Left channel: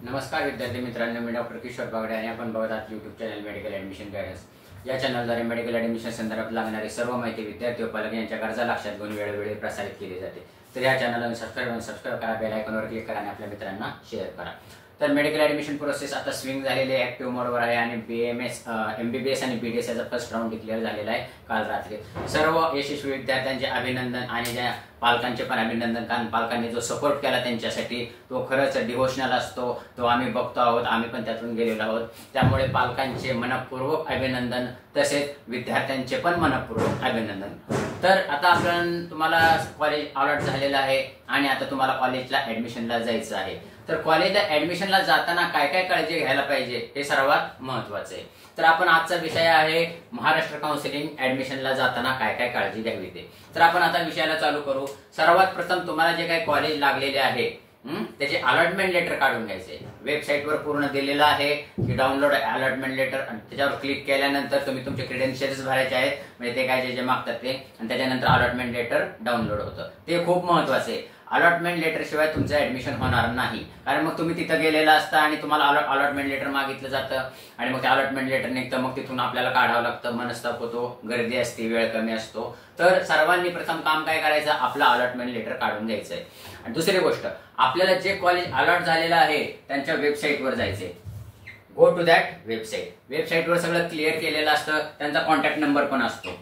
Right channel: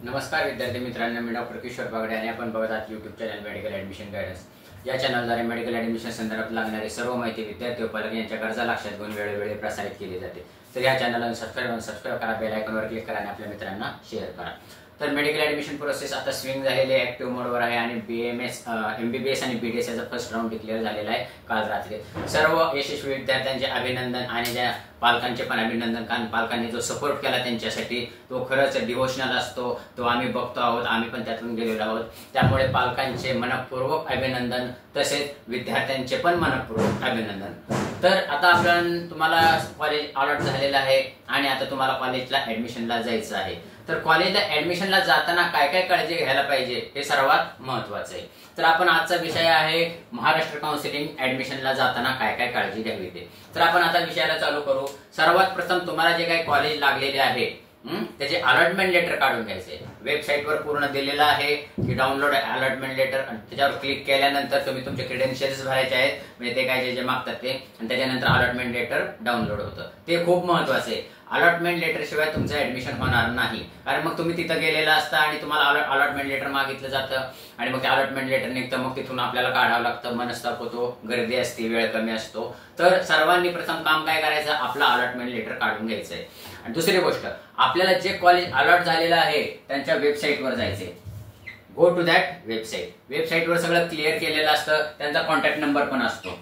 नमस्कार विद्यार्थी मित्रांनो, मी डॉक्टर किशोर बागडे आणि आपण बघत आहात YouTube channel medical admission guidance. या चॅनलद्वारे मेडिकल ॲडमिशन संदर्भात लागणारी सर्व माहिती विद्यार्थी व पालक यांच्या गरजा लक्षात घेऊन वेळोवेळी प्रसारित केली जाते। तर या चॅनलला सबस्क्राइब करा, बेल आयकॉनवर क्लिक करा आणि आपल्या मित्रांना शेअर करा। तर मेडिकल ॲडमिशन प्रोसेस आता स्विंग झालेली आहे, ॲक्टिव्ह मोडवर आहे आणि BMS MBBS आणि BDS याचा फर्स्ट राऊंड डिक्लेअर झालेला आहे काल रात्री। सर्व यशस्वी विद्यार्थ्यांचे अभिनंदन आणि ज्या पालकांचे पण अभिनंदन, कारण पालकांनी जो सपोर्ट केला त्यांच्यासाठी तो खरंच डिव्होशनल असतो, तो आम्ही बघतो आहोत, आम्ही पण त्यातून गेलेलो आहोत। त्यामुळे पालकांचे मनपूर्वक अभिनंदन, तसेच विद्यार्थ्यांचे पण मनपूर्वक अभिनंदन। तर आता आपण तुम्हाला कॉलेज अलॉट झालेलं आहे आणि आता तुम्हाला कॉलेजला ऍडमिशनला जायचं आहे। तर कॉलेजला ऍडमिशनला जाताना काय काय काळजी घ्यायला पाहिजे हे सर्वात महत्त्वाचं आहे। तर आपण आजचा विषय आहे महाराष्ट्र काउन्सिलिंग ऍडमिशनला जाताना काय काय काळजी घ्यावी ते। तर आपण आता विषयाला चालू करू। सर्वात प्रथम तुम्हाला जे काही कॉलेज लागलेले आहे त्याचे अलॉटमेंट लेटर काढून घ्यायचे। वेबसाईटवर पूर्ण दिलेलं आहे की डाउनलोड अलॉटमेंट लेटर, आणि त्याच्यावर क्लिक केल्यानंतर तुम्ही तुमचे क्रेडेन्शियल्स भरायचे आहेत, म्हणजे ते काय जे मागतात ते, आणि त्याच्यानंतर अलॉटमेंट लेटर डाउनलोड होतं। ते खूप महत्त्वाचं आहे। अलॉटमेंट लेटर शिवाय तुमचं ऍडमिशन होणार नाही, कारण मग तुम्ही तिथं गेलेला असता आणि तुम्हाला अलॉटमेंट लेटर मागितलं जातं आणि मग ते अलॉटमेंट लेटर निघतं, मग तिथून आपल्याला काढावं लागतं, मनस्ताप होतो, गर्दी असते, वेळ कमी असतो। तर सर्वांनी प्रथम काम काय करायचं, आपलं अलॉटमेंट लेटर काढून घ्यायचंय। आणि दुसरी गोष्ट, आपल्याला जे कॉलेज अलॉट झालेलं आहे त्यांच्या वेबसाईटवर जायचंय। Go to that website. वेबसाईटवर सगळं क्लिअर केलेलं असतं, त्यांचा कॉन्टॅक्ट नंबर पण असतो,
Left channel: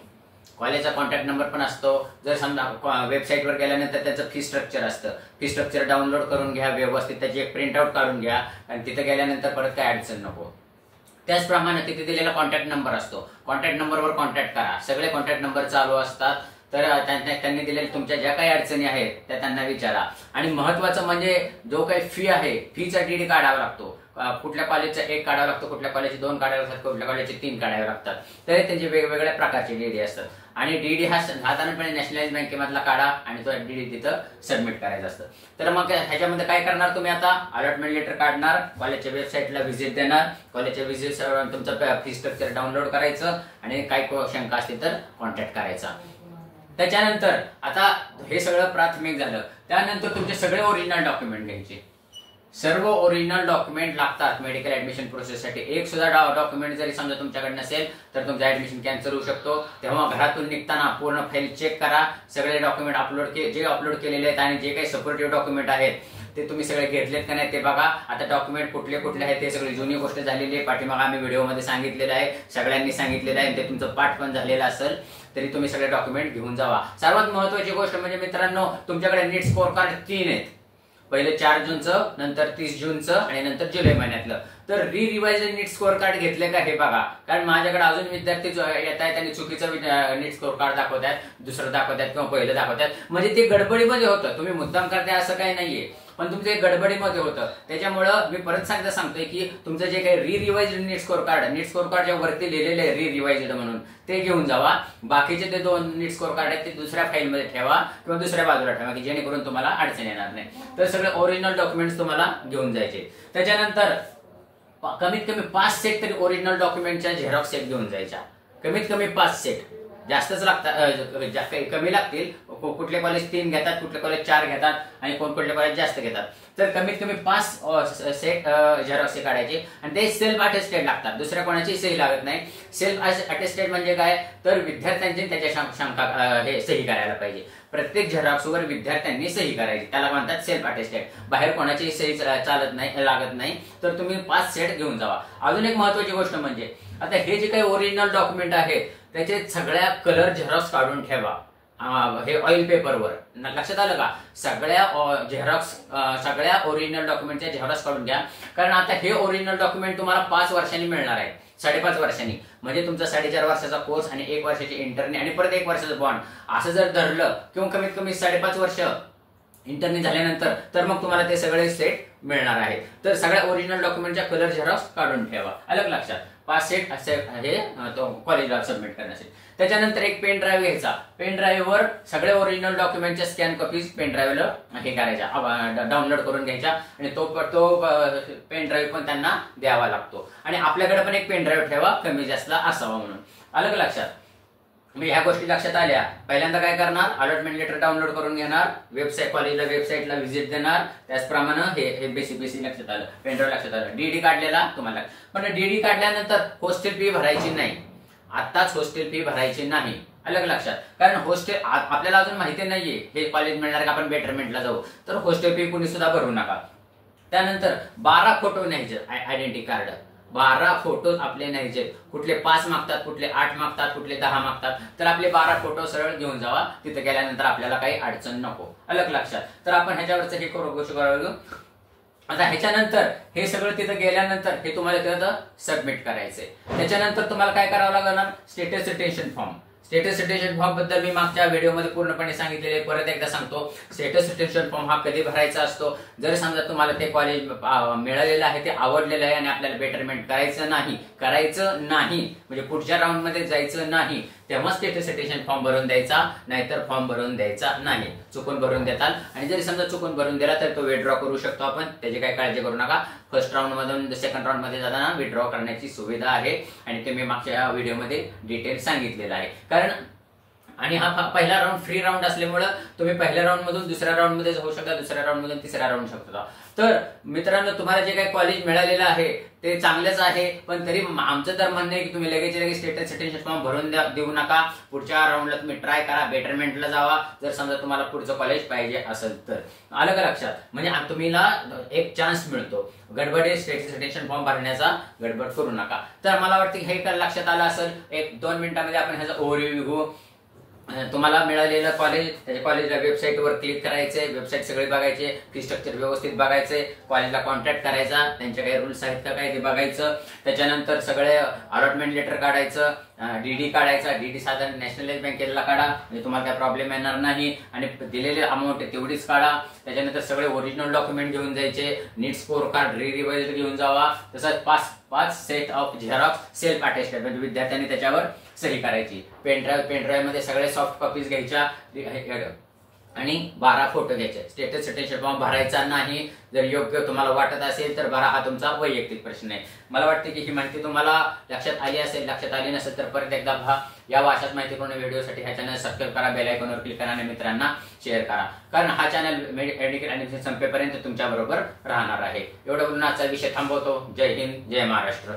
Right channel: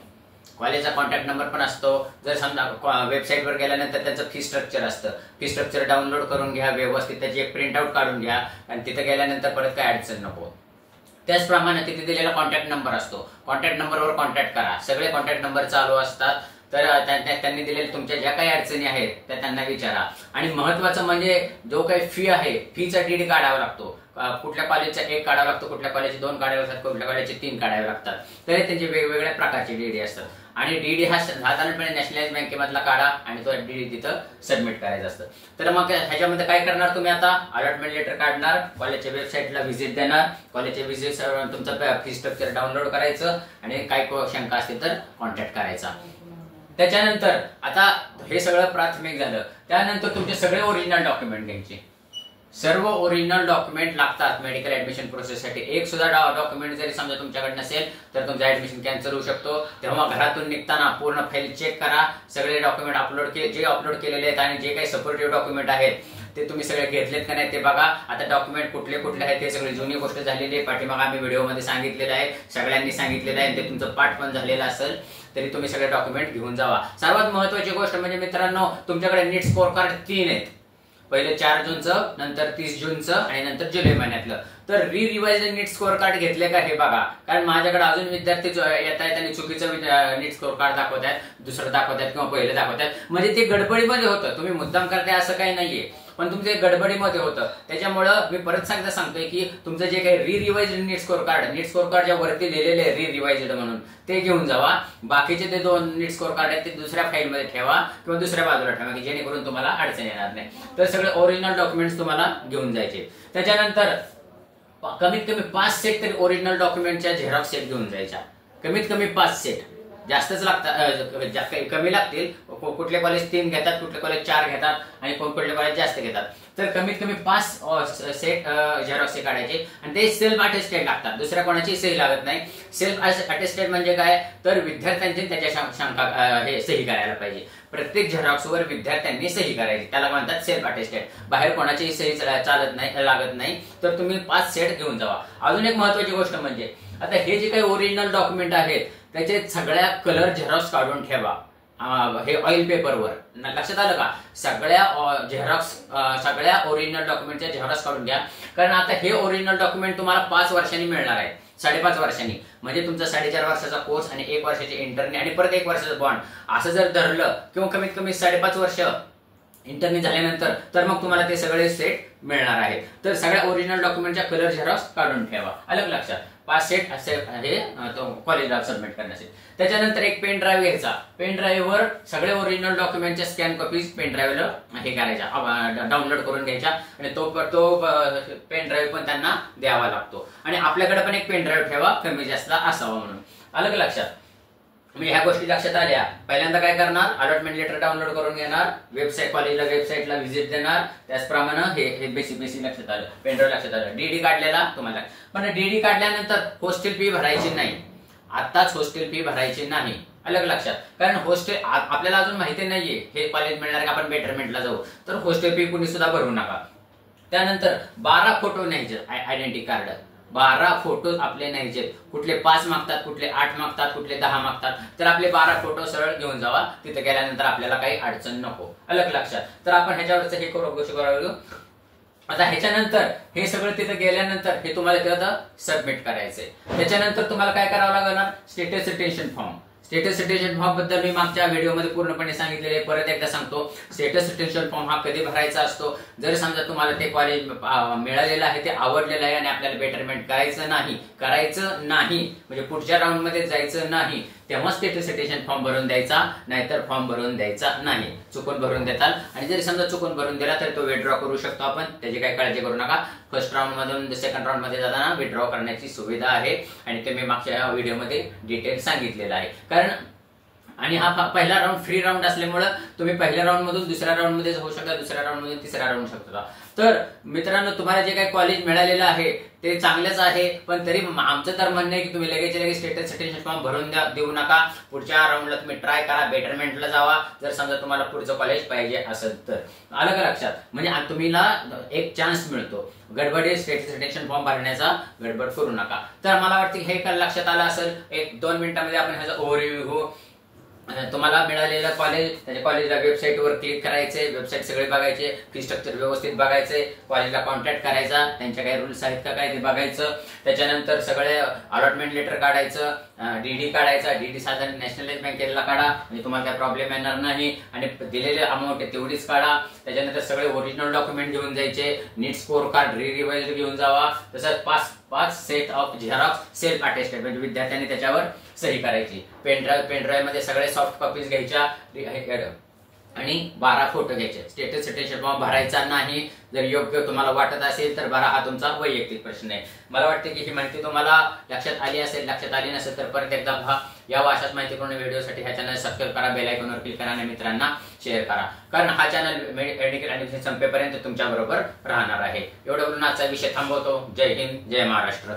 कॉलेजचा कॉन्टॅक्ट नंबर पण असतो। जर समजा वेबसाईटवर गेल्यानंतर त्याचं फी स्ट्रक्चर असतं, फी स्ट्रक्चर डाउनलोड करून घ्या व्यवस्थित, त्याची एक प्रिंट आउट काढून घ्या, आणि तिथे गेल्यानंतर परत काय अडचण नको। त्याचप्रमाणे तिथे दिलेला कॉन्टॅक्ट नंबर असतो, कॉन्टॅक्ट नंबरवर कॉन्टॅक्ट करा, सगळे कॉन्टॅक्ट नंबर चालू असतात। तर त्यांनी दिलेल्या तुमच्या ज्या काही अडचणी आहेत त्या त्यांना विचारा। आणि महत्वाचं म्हणजे जो काही फी आहे, फीचा डीडी काढावा लागतो। कुठल्या कॉलेजचा 1 काढावा लागतो, कुठल्या कॉलेजचे 2 काढावे लागतात, कुठल्या कॉलेजचे 3 काढावे लागतात। तर त्यांचे वेगवेगळ्या प्रकारचे डीडी असतात, आणि डीडी हा साधारणपणे नॅशनलाइज बँकेमधला काढा आणि तो डीडी तिथं सबमिट करायचा असतं। तर मग ह्याच्यामध्ये काय करणार तुम्ही, आता अलॉटमेंट लेटर काढणार, कॉलेजच्या वेबसाईटला व्हिजिट देणार, कॉलेजच्या व्हिजिट तुमचं फी स्ट्रक्चर डाउनलोड करायचं, आणि काही शंका असतील तर कॉन्टॅक्ट करायचा। त्याच्यानंतर आता हे सगळं प्राथमिक झालं, त्यानंतर तुमचे सगळे ओरिजिनल डॉक्युमेंट घ्यायचे। सर्व ओरिजिनल डॉक्युमेंट लागतात मेडिकल ऍडमिशन प्रोसेससाठी। एक सुद्धा डॉक्युमेंट जरी समजा तुमच्याकडे नसेल तर तुमचं ऍडमिशन कॅन्सल होऊ शकतो। तेव्हा घरातून निघताना पूर्ण फाईल चेक करा, सगळे डॉक्युमेंट जे अपलोड केलेले आहेत आणि जे काही सपोर्टिव्ह डॉक्युमेंट आहेत ते तुम्ही सगळे घेतलेत का नाही ते बघा। आता डॉक्युमेंट कुठले कुठले आहेत ते सगळी जुनी गोष्ट झालेली आहे, पाठीमागे आम्ही व्हिडिओमध्ये सांगितलेलं आहे, सगळ्यांनी सांगितलेलं आहे, ते तुमचं पाठ पण झालेलं असेल तरी तुम्ही सगळे डॉक्युमेंट घेऊन जावा। सर्वात महत्त्वाची गोष्ट म्हणजे मित्रांनो, तुमच्याकडे नीट स्कोर कार्ड 3 आहेत, पहिले 4 जूनचं, नंतर 30 जूनचं आणि नंतर जुलै महिन्यातलं। तर रिवाइज नीट स्कोर कार्ड घेतले का हे बघा, कारण माझ्याकडे अजून विद्यार्थी येत आहेत आणि चुकीचं नीट स्कोर कार्ड दाखवतात, दुसरं दाखवतात किंवा पहिलं दाखवतात, म्हणजे ते गडबडीमध्ये होतं। तुम्ही मुद्दाम करताय असं काही नाहीये, पण तुमचं एक गडबडीमध्ये होतं। त्याच्यामुळं मी परत सांगतोय की तुमचं जे काही रिवाइज नीट स्कोर कार्डच्या वरती लिहिलेले आहे रिवाइज्ड म्हणून, ते घेऊन जावा। बाकीचे ते 2 नीट स्कोर कार्ड आहेत ते दुसऱ्या फाईलमध्ये ठेवा किंवा दुसऱ्या बाजूला ठेवा, की जेणेकरून तुम्हाला अडचण येणार नाही। तर सगळे ओरिजिनल डॉक्युमेंट्स तुम्हाला घेऊन जायचे। त्याच्यानंतर कमीत कमी 5 सेट तरी ओरिजिनल डॉक्युमेंटच्या झेरॉक्स सेट घेऊन जायच्या, कमीत कमी 5 सेट, जास्तच लागतात, कमी लागतील। कुठले कॉलेज 3 घेतात, कुठले कॉलेज 4 घेतात आणि कुठले कॉलेज जास्त घेतात। तर कमीत कमी 5 सेट झेरॉक्स काढायचे, आणि ते सेल्फ अटेस्टेड लागतात, दुसऱ्या कोणाची सही लागत नाही। सेल्फ अटेस्टेड म्हणजे काय, तर विद्यार्थ्यांची त्याच्या सही करायला पाहिजे। प्रत्येक झेरॉक्सवर विद्यार्थ्यांनी सही करायची, त्याला म्हणतात सेल्फ अटेस्टेड। बाहेर कोणाची सही लागत नाही। तर तुम्ही 5 सेट घेऊन जावा। अजून एक महत्वाची गोष्ट म्हणजे, आता हे जे काही ओरिजिनल डॉक्युमेंट आहेत त्याचे सगळ्या कलर झेरॉक्स काढून ठेवा, हे ऑइल पेपरवर, लक्षात आलं का। सगळ्या ओरिजिनल डॉक्युमेंटच्या झेरॉक्स काढून घ्या, कारण आता हे ओरिजिनल डॉक्युमेंट तुम्हाला 5 वर्षांनी मिळणार आहे, 5.5 वर्षांनी, म्हणजे तुमचा 4.5 वर्षाचा कोर्स आणि 1 वर्षाची इंटर्नी आणि परत 1 वर्षाचा बॉन्ड, असं जर धरलं किंवा कमीत कमी 5.5 वर्ष इंटर्नी झाल्यानंतर तर मग तुम्हाला ते सगळे सेट मिळणार आहे। तर सगळ्या ओरिजिनल डॉक्युमेंटच्या कलर झेरॉक्स काढून ठेवा, अलग लक्षात। 5 सेट असे हे कॉलेजला सबमिट करण्यासाठी। त्याच्यानंतर एक पेन ड्राईव्ह घ्यायचा, पेन ड्राईव्हवर सगळे ओरिजिनल डॉक्युमेंटच्या स्कॅन कॉपीज पेन ड्राईव्हला हे करायच्या, डाउनलोड करून घ्यायच्या, आणि तो पेन ड्राईव्ह पण त्यांना द्यावा लागतो। आणि आपल्याकडे पण एक पेन ड्राईव्ह ठेवा, कमी जास्त असावा म्हणून, अलग लक्षात। मी ह्या गोष्टी लक्षात आल्या, पहिल्यांदा काय करणार, अलॉटमेंट लेटर डाउनलोड करून घेणार, वेबसाईट कॉलेजला वेबसाईटला व्हिजिट देणार, त्याचप्रमाणे हे बेसिक लक्षात आलं, पेनड्राईव्ह लक्षात आलं, डीडी काढलेला तुम्हाला. पण डीडी काढल्यानंतर हॉस्टेल फी भरायची नाही, आताच हॉस्टेल फी भरायची नाही, अलग लक्षात. कारण हॉस्टेल आपल्याला अजून माहिती नाहीये हे कॉलेज मिळणार का आपण बेटरमेंटला जाऊ, तर हॉस्टेल फी कुणी सुद्धा भरू नका. त्यानंतर 12 फोटो न्यायचे आयडेंटिटी कार्ड, 12 फोटो आपले न्यायचे. कुठले 5 मागतात, कुठले 8 मागतात, कुठले 10 मागतात, तर आपले 12 फोटो सरळ घेऊन जावा. तिथे गेल्यानंतर आपल्याला काही अडचण नको, अलग लक्षात. तर आपण ह्याच्यावरच हे गोष्ट करावं. आता ह्याच्यानंतर हे सगळं तिथे गेल्यानंतर हे तुम्हाला तिथं सबमिट करायचंय. त्याच्यानंतर तुम्हाला काय करावं लागणार, status retention form. Status retention form बद्दल मी मागच्या व्हिडिओमध्ये पूर्णपणे सांगितलेले, परत एकदा सांगतो. स्टेटस रिटेन्शन फॉर्म हा कधी भरायचा असतो, जर समजा तुम्हाला ते कॉलेज मिळालेलं आहे, ते आवडलेलं आहे आणि आपल्याला बेटरमेंट करायचं नाही म्हणजे पुढच्या राऊंड मध्ये जायचं नाही, तेव्हा स्टेटस रिटेन्शन फॉर्म भरून द्यायचा, नाहीतर फॉर्म भरून द्यायचा नाही. चुकून भरून देताल आणि जरी समजा चुकून भरून दिला तर तो विथड्रॉ करू शकतो आपण, त्याची काही काळजी करू नका. फर्स्ट राऊंड मधून सेकंड राऊंड मध्ये जाताना विथड्रॉ करण्याची सुविधा आहे आणि ते मी मागच्या व्हिडिओमध्ये डिटेल सांगितलेलं आहे. कारण आणि हा पहिला राऊंड फ्री राऊंड असल्यामुळे तुम्ही पहिल्या राऊंड मधून दुसऱ्या राऊंड मध्ये जाऊ शकता, दुसऱ्या राऊंड मधून तिसऱ्या राऊंड शकता. तर मित्रांनो, तुम्हाला जे काही कॉलेज मिळालेलं आहे ते चांगलेच आहे, पण तरी आमचं तर म्हणणं आहे की तुम्ही लगेच स्टेटस रिटेन्शन फॉर्म भरून देऊ नका. पुढच्या राऊंडला तुम्ही ट्राय करा, बेटरमेंटला जावा, जर समजा तुम्हाला पुढचं कॉलेज पाहिजे असेल तर. अलग लक्षात, म्हणजे तुम्हाला एक चान्स मिळतो. गडबडी स्टेटस रिटेन्शन फॉर्म भरण्याचा गडबड करू नका. तर मला वाटतं हे लक्षात आलं असेल. 1-2 मिनिटांमध्ये आपण ह्याचा ओव्हरव्ह्यू, तुम्हाला मिळालेलं कॉलेज, त्याच्या कॉलेजला वेबसाईटवर क्लिक करायचे, वेबसाईट सगळे बघायचे, फी स्ट्रक्चर व्यवस्थित बघायचे, कॉलेजला कॉन्टॅक्ट करायचा, त्यांच्या काही रूल्स आहेत का काय ते बघायचं. त्याच्यानंतर सगळे अलॉटमेंट लेटर काढायचं, डीडी काढायचा, डीडी साधारण नॅशनलाइज बँकेला काढा म्हणजे तुम्हाला काय प्रॉब्लेम येणार नाही, आणि दिलेले अमाऊंट तेवढीच काढा. त्याच्यानंतर सगळे ओरिजिनल डॉक्युमेंट घेऊन जायचे, नीट स्कोर कार्ड रिवाइज घेऊन जावा. तसंच 5 set of Xerox self attested म्हणजे विद्यार्थ्यांनी त्याच्यावर सही करायची. पेनड्राईव्ह मध्ये सगळे सॉफ्ट कॉपीज घ्यायच्या आणि 12 फोटो घ्यायचे. स्टेटस रिटेन्शन फॉर्म भरायचा नाही, जर योग्य तुम्हाला वाटत असेल तर भरा, हा तुमचा वैयक्तिक प्रश्न आहे. मला वाटते की ही माहिती तुम्हाला लक्षात आली असेल. लक्षात आली नसेल तर परत एकदा पहा. या अशाच माहितीपूर्ण व्हिडिओसाठी हा चॅनल सबस्क्राईब करा, बेल आयकॉनवर क्लिक करा आणि मित्रांना शेअर करा, कारण हा चॅनल मेडिकल ऍडमिशन संपेपर्यंत तुमच्या बरोबर राहणार आहे. एवढं बोलून आजचा विषय थांबवतो. जय हिंद, जय महाराष्ट्र.